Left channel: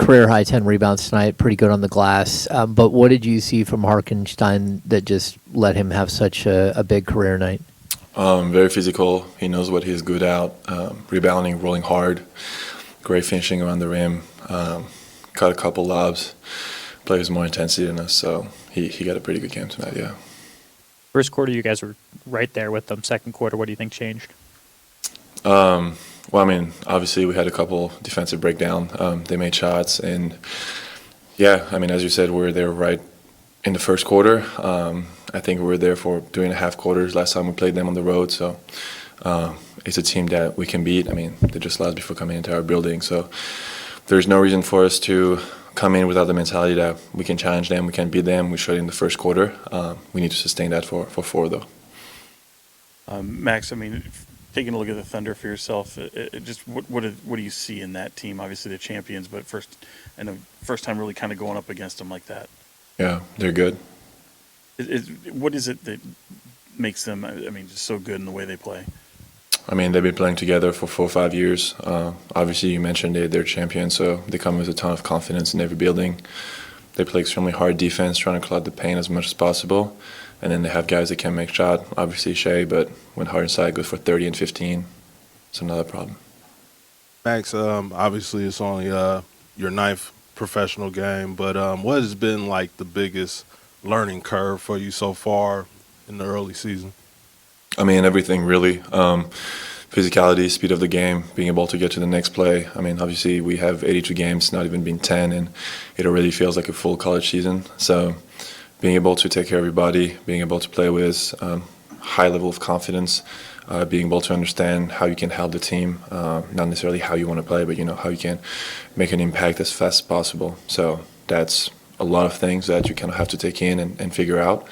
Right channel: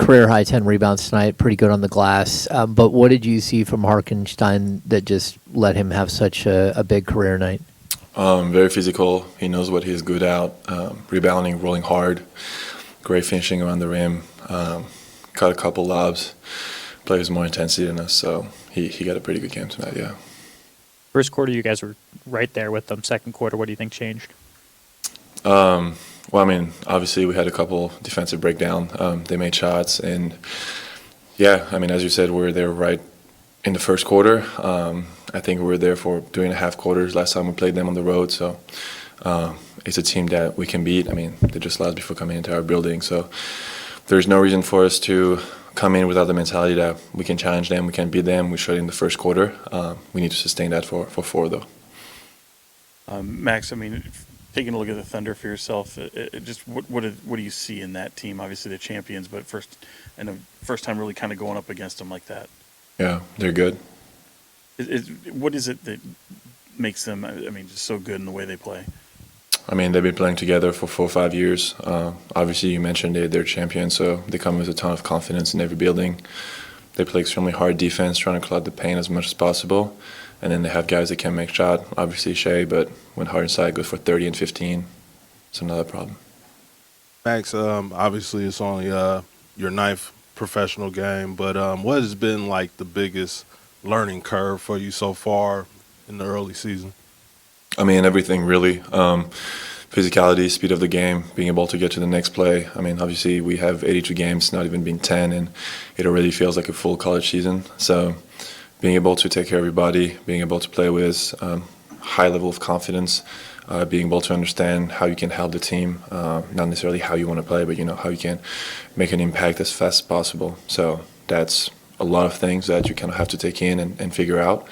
career high 10 rebounds tonight, pretty good on the glass. But what did you see from Harkenstein that just let him have such a big career night? Very physical. He knows what he's good at. Rebounding, rolling hard, great finishing around the rim. Caught a couple lobs. Plays more intensity than us, so he got a pretty good game tonight. Yeah. First quarter, you guys were right there with them. Second quarter, what do you think changed? Well, I mean, obviously we had a couple defensive breakdown. They made shots, and yeah, I mean, as you said, we were there right in the first quarter. I think we were there for 3.5 quarters last time we played them on the road. So it's a team that we can beat. I mean, they just lost before coming into our building, so there's no reason for us to come in without the mentality that we can challenge them, we can beat them. We showed it in the first quarter. We need to sustain that for 4, though. Max, I mean, taking a look at the Thunder for yourself, just what do you see in that team? Obviously, the champions, but first time really kind of going up against them like that. Yeah, they're good. What is it that makes them, I mean, just so good in the way they play? I mean, they've been playing together for 4 or 5 years. Obviously, you mentioned they're champions, so they come with a ton of confidence in every building. They play extremely hard defense, trying to cloud the paint as much as possible. And then they have guys that can make shot, obviously Shea, but when Hardenstein goes for 30 and 15, it's another problem. Max, obviously it's only your 9th professional game, but what has been like the biggest learning curve for you so far in the early season? I mean, everything really. Physicality, speed of the game, being able to get to the next play. I mean, obviously we have 82 games, not even been 10, and it already feels like a full college season. So being able to take care of everybody, being able to play with high level of confidence, being able to understand how you can help the team, not necessarily how you want to play, but how you can make an impact as fast as possible. So that's a lot of things that you kind of have to take in and figure out,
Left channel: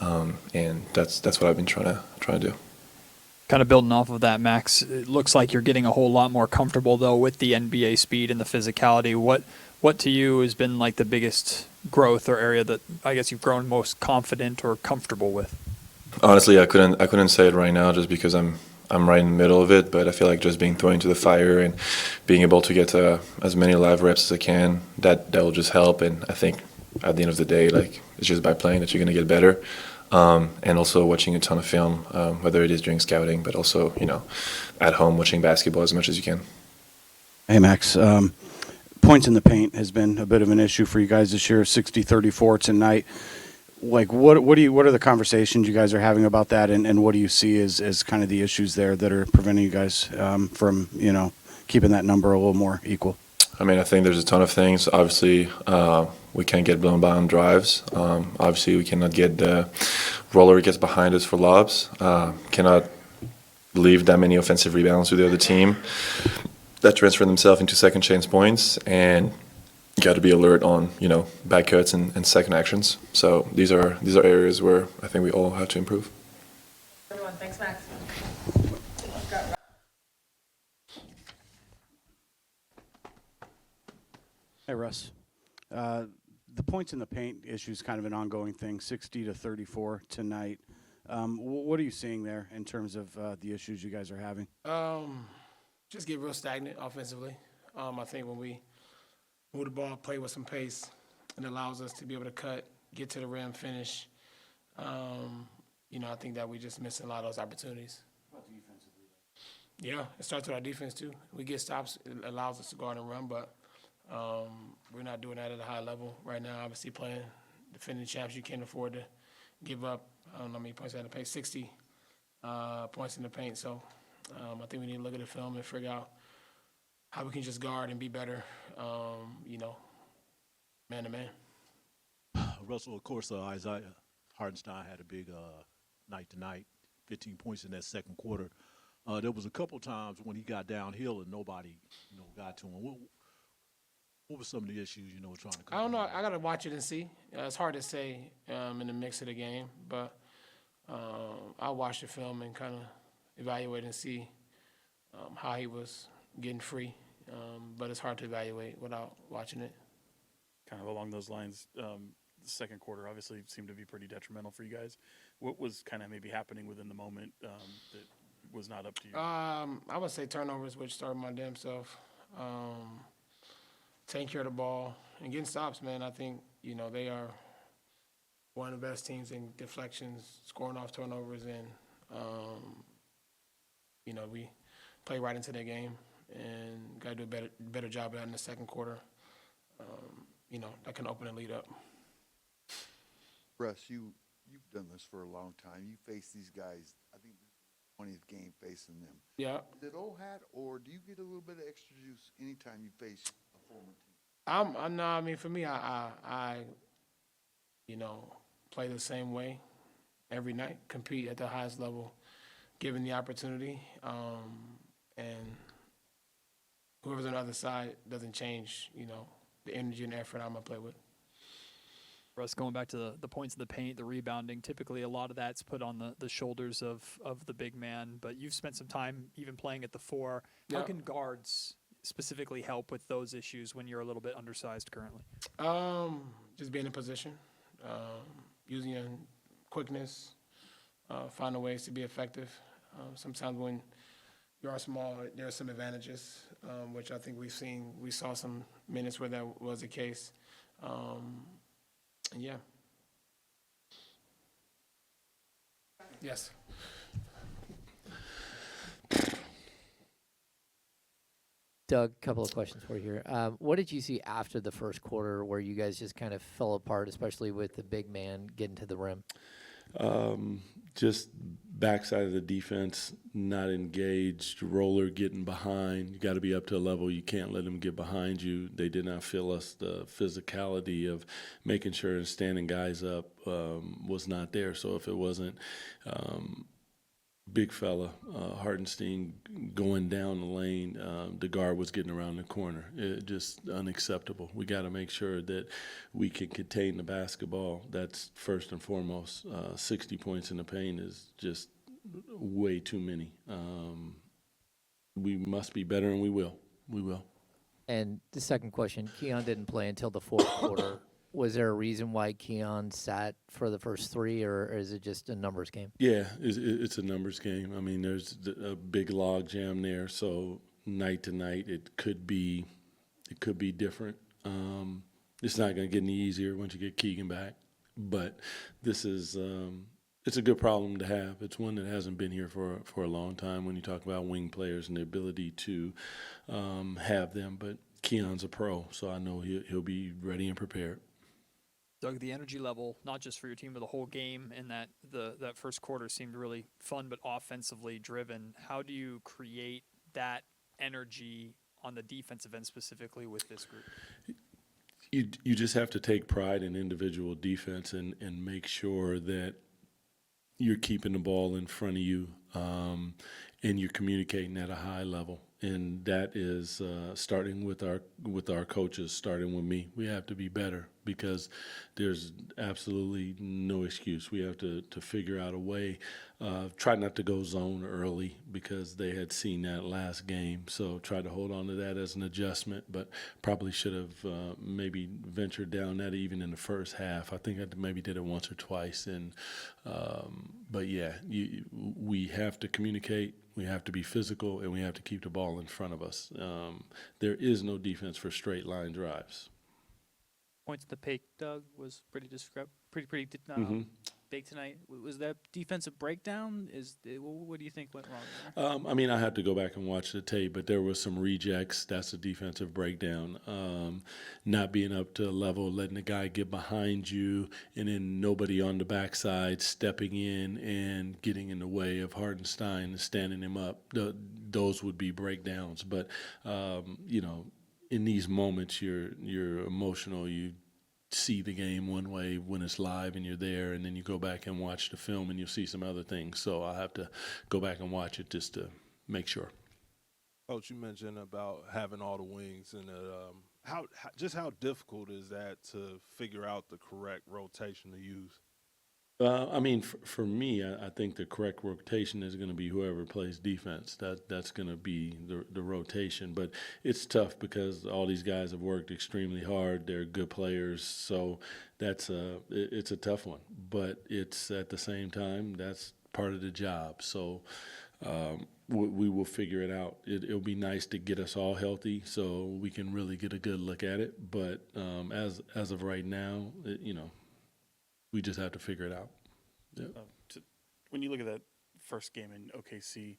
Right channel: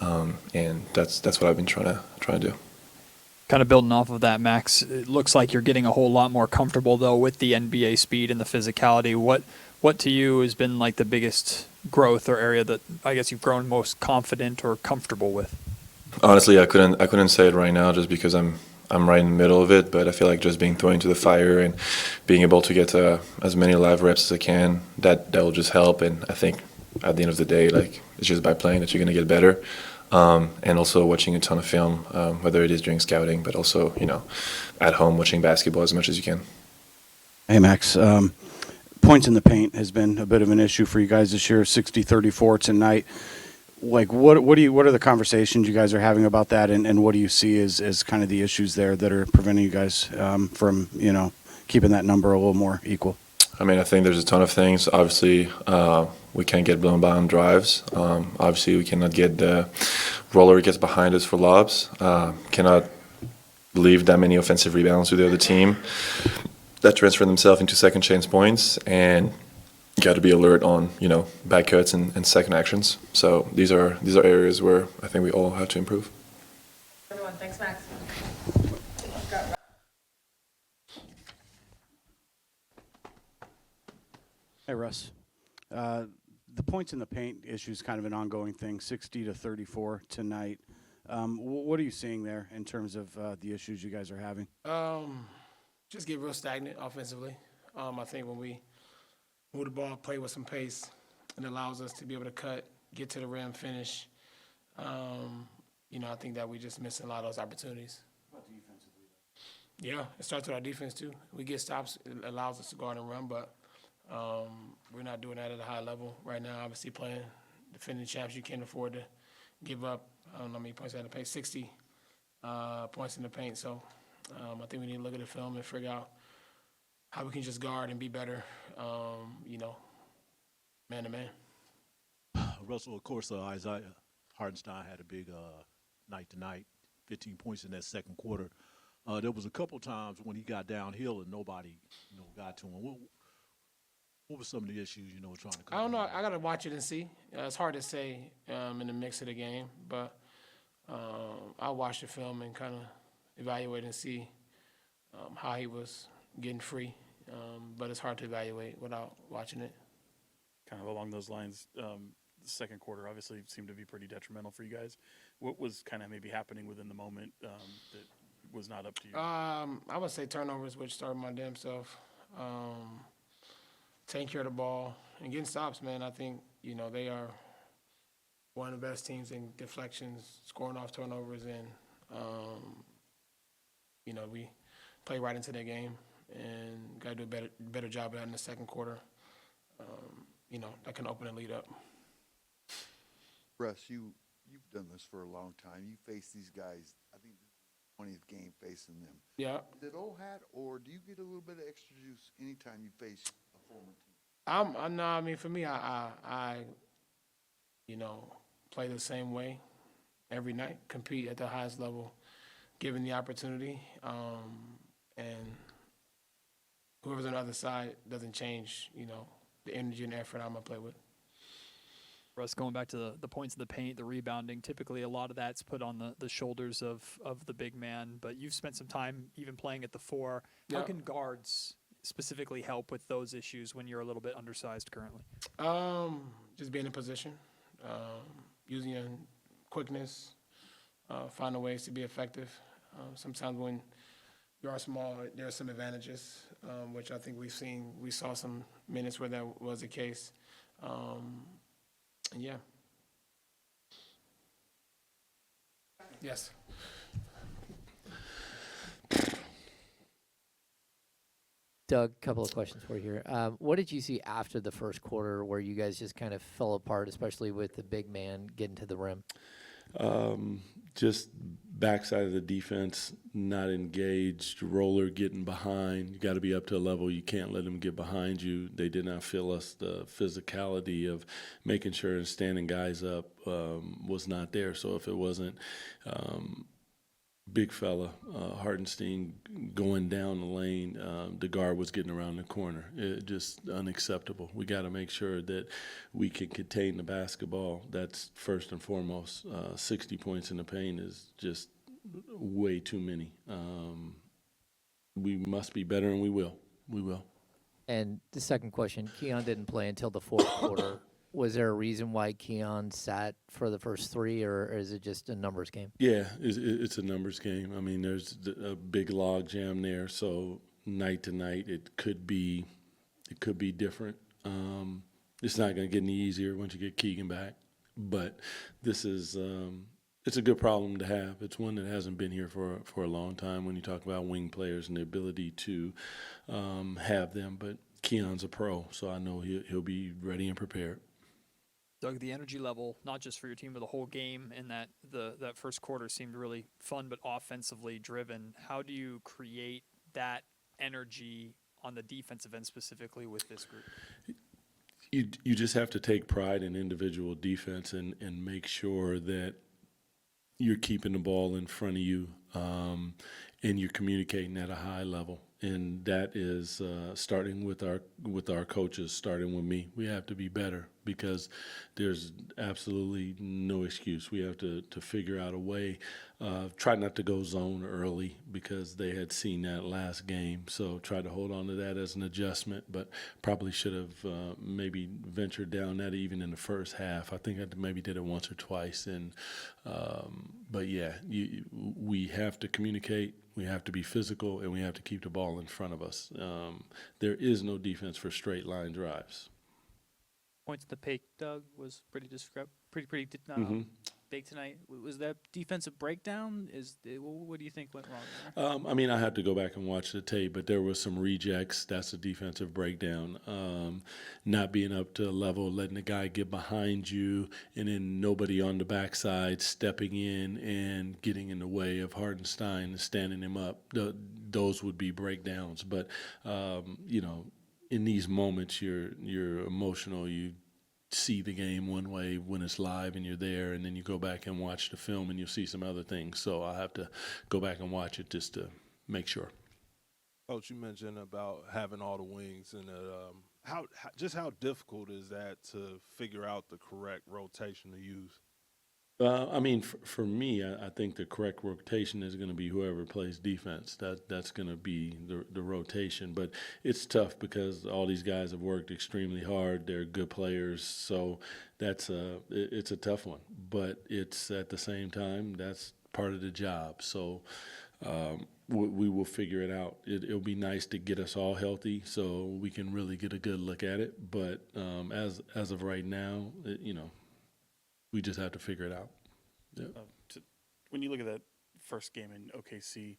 and that's what I've been trying to do. Kind of building off of that, Max, it looks like you're getting a whole lot more comfortable, though, with the NBA speed and the physicality. What to you has been like the biggest growth or area that I guess you've grown most confident or comfortable with? Honestly, I couldn't say it right now just because I'm right in the middle of it, but I feel like just being thrown into the fire and being able to get as many live reps as I can, that will just help. And I think at the end of the day, like, it's just by playing that you're going to get better. And also watching a ton of film, whether it is during scouting, but also, at home watching basketball as much as you can. Hey, Max. Points in the paint has been a bit of an issue for you guys this year, 60-34 tonight. Like, what are the conversations you guys are having about that, and what do you see as kind of the issues there that are preventing you guys from, keeping that number a little more equal? I mean, I think there's a ton of things. Obviously, we can't get blown by on drives. Obviously, we cannot get the roller gets behind us for lobs. Cannot leave that many offensive rebounds to the other team that transfer themselves into second chance points. And you got to be alert on, back cuts and second actions. So these are areas where I think we all have to improve. Everyone, thanks, Max. Hey, Russ. The points in the paint issue is kind of an ongoing thing, 60-34 tonight. What are you seeing there in terms of the issues you guys are having? Just get real stagnant offensively. I think when we move the ball, play with some pace, it allows us to be able to cut, get to the rim, finish. I think that we just missing a lot of those opportunities. Yeah, it starts with our defense too. We get stops, it allows us to go on and run, but we're not doing that at a high level right now. Obviously, playing defending champs, you can't afford to give up. I don't know how many points in the paint, 60 points in the paint. So I think we need to look at the film and figure out how we can just guard and be better, man to man. Russell, of course, Isaiah Hardenstein had a big night tonight, 15 points in that second quarter. There was a couple times when he got downhill and nobody, got to him. What were some of the issues, trying to come? I don't know. I got to watch it and see. It's hard to say in the mix of the game, but I'll watch the film and kind of evaluate and see how he was getting free. But it's hard to evaluate without watching it. Kind of along those lines, the second quarter obviously seemed to be pretty detrimental for you guys. What was kind of maybe happening within the moment that was not up to you? I would say turnovers, which started my damn self. taking care of the ball and getting stops, man. I think, they are one of the best teams in deflections, scoring off turnovers, and, we play right into their game and got to do a better job of that in the second quarter. That can open the lead up. Russ, you've done this for a long time. You face these guys, I think 20th game facing them. Yeah. Is it old hat, or do you get a little bit of extra juice anytime you face a former team? No, I mean, for me, I play the same way every night, compete at the highest level, given the opportunity, and whoever's on the other side doesn't change, the energy and effort I'm going to play with. Russ, going back to the points in the paint, the rebounding, typically a lot of that's put on the shoulders of the big man, but you've spent some time even playing at the 4. How can guards specifically help with those issues when you're a little bit undersized currently? Just being in position, using your quickness, finding ways to be effective. Sometimes when you are small, there are some advantages, which I think we saw some minutes where that was the case. And yeah. Yes. Doug, a couple of questions for you here. What did you see after the first quarter where you guys just kind of fell apart, especially with the big man getting to the rim? Just backside of the defense, not engaged, roller getting behind. You got to be up to a level. You can't let them get behind you. They did not feel us. The physicality of making sure and standing guys up was not there. So if it wasn't big fella, Hartenstein going down the lane, the guard was getting around the corner. It just unacceptable. We got to make sure that we can contain the basketball. That's first and foremost. 60 points in the paint is just way too many. We must be better, and we will. We will. And the second question, Keon didn't play until the fourth quarter. Was there a reason why Keon sat for the first 3, or is it just a numbers game? Yeah, it's a numbers game. I mean, there's a big log jam there, so night to night it could be different. It's not going to get any easier once you get Keegan back, but this is it's a good problem to have. It's one that hasn't been here for a long time when you talk about wing players and the ability to have them. But Keon's a pro, so I know he'll be ready and prepared. Doug, the energy level, not just for your team, but the whole game, and that first quarter seemed really fun but offensively driven. How do you create that energy on the defensive end specifically with this group? You just have to take pride in individual defense and make sure that you're keeping the ball in front of you and you're communicating at a high level. And that is starting with our coaches, starting with me. We have to be better because there's absolutely no excuse. We have to figure out a way. Try not to go zone early because they had seen that last game. So try to hold on to that as an adjustment, but probably should have maybe ventured down that even in the first half. I think I maybe did it once or twice. But yeah, we have to communicate. We have to be physical, and we have to keep the ball in front of us. There is no defense for straight line drives. Points to the paint, Doug, was pretty big tonight. Was that defensive breakdown? What do you think went wrong there? I mean, I had to go back and watch the tape, but there was some rejects. That's a defensive breakdown. Not being up to a level, letting the guy get behind you, and then nobody on the backside stepping in and getting in the way of Hartenstein and standing him up. Those would be breakdowns. But, in these moments, you're emotional. You see the game one way when it's live and you're there, and then you go back and watch the film and you'll see some other things. So I'll have to go back and watch it just to make sure. Coach, you mentioned about having all the wings, and how difficult is that to figure out the correct rotation to use? I mean, for me, I think the correct rotation is going to be whoever plays defense. That's going to be the rotation. But it's tough because all these guys have worked extremely hard. They're good players, so it's a tough one. But it's at the same time that's part of the job. So we will figure it out. It'll be nice to get us all healthy so we can really get a good look at it. But as of right now, we just have to figure it out. Yeah. When you look at that first game in OKC,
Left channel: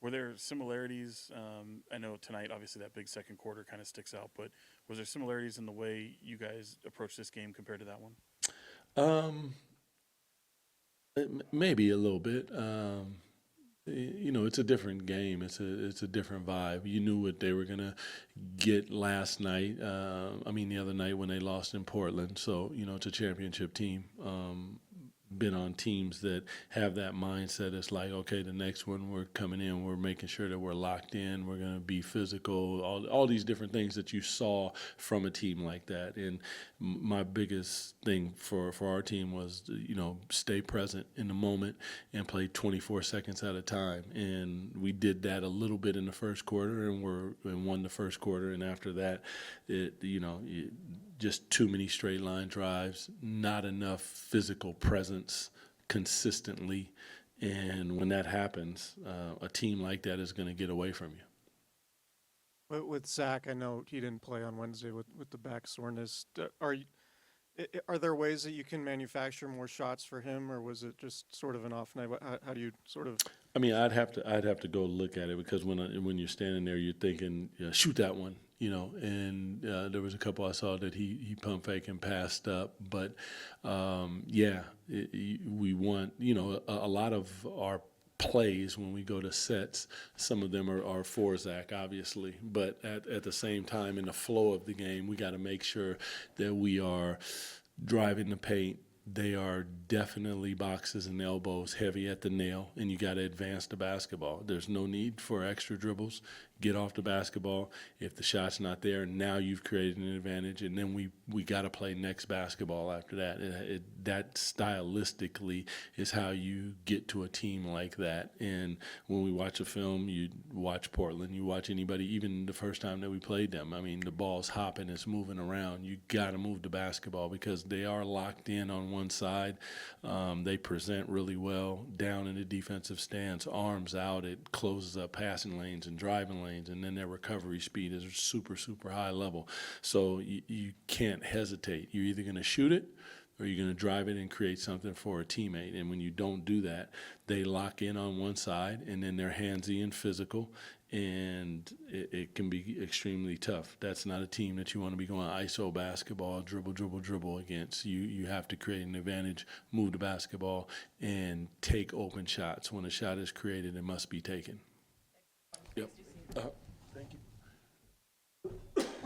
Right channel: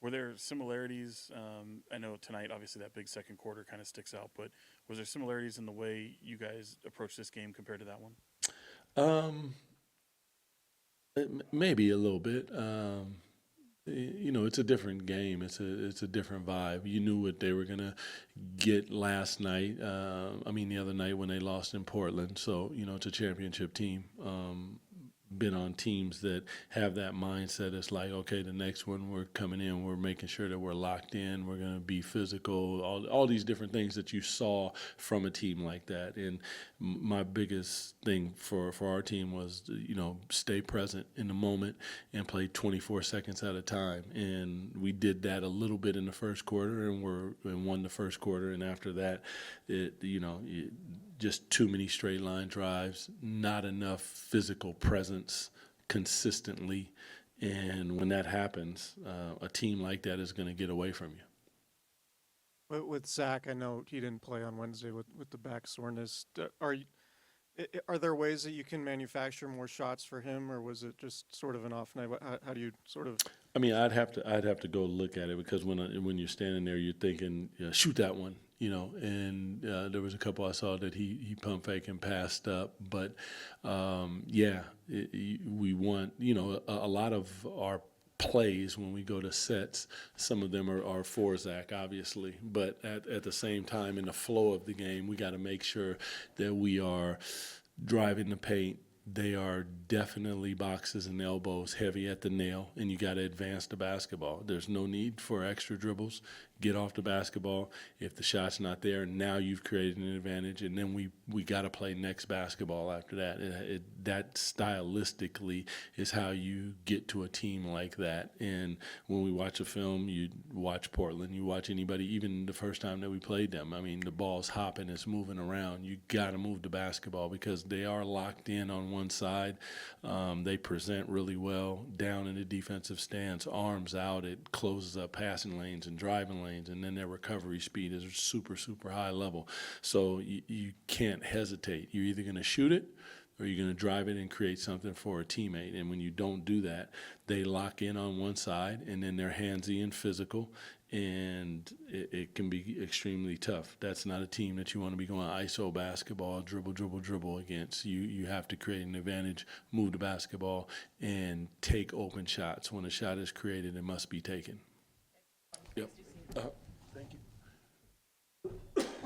were there similarities? I know tonight, obviously, that big second quarter kind of sticks out, but was there similarities in the way you guys approached this game compared to that one? Maybe a little bit. It's a different game. It's a different vibe. You knew what they were gonna get last night. The other night when they lost in Portland. So it's a championship team. Been on teams that have that mindset. It's like, okay, the next one we're coming in, we're making sure that we're locked in, we're going to be physical, all these different things that you saw from a team like that. And my biggest thing for our team was, stay present in the moment and play 24 seconds at a time. And we did that a little bit in the first quarter and won the first quarter. And after that, just too many straight line drives, not enough physical presence consistently. And when that happens, a team like that is going to get away from you. With Zach, I know he didn't play on Wednesday with the back soreness. Are there ways that you can manufacture more shots for him, or was it just sort of an off night? How do you sort of? I'd have to go look at it because when you're standing there, you're thinking, shoot that one, And there was a couple I saw that he pump fake and passed up, but we want a lot of our plays when we go to sets. Some of them are for Zach, obviously, but at the same time, in the flow of the game, we got to make sure that we are driving the paint. They are definitely boxes and elbows, heavy at the nail, and you got to advance the basketball. There's no need for extra dribbles. Get off the basketball. If the shot's not there, now you've created an advantage, and then we got to play next basketball after that. That stylistically is how you get to a team like that. And when we watch a film, you watch Portland, you watch anybody, even the first time that we played them. The ball's hopping, it's moving around. You got to move the basketball because they are locked in on one side. They present really well down in the defensive stance, arms out. It closes up passing lanes and driving lanes, and then their recovery speed is super, super high level. So you can't hesitate. You're either going to shoot it or you're going to drive it and create something for a teammate. And when you don't do that, they lock in on one side, and then they're handsy and physical, and it can be extremely tough. That's not a team that you want to be going ISO basketball, dribble against. You have to create an advantage, move the basketball, and take open shots. When a shot is created, it must be taken. Yep.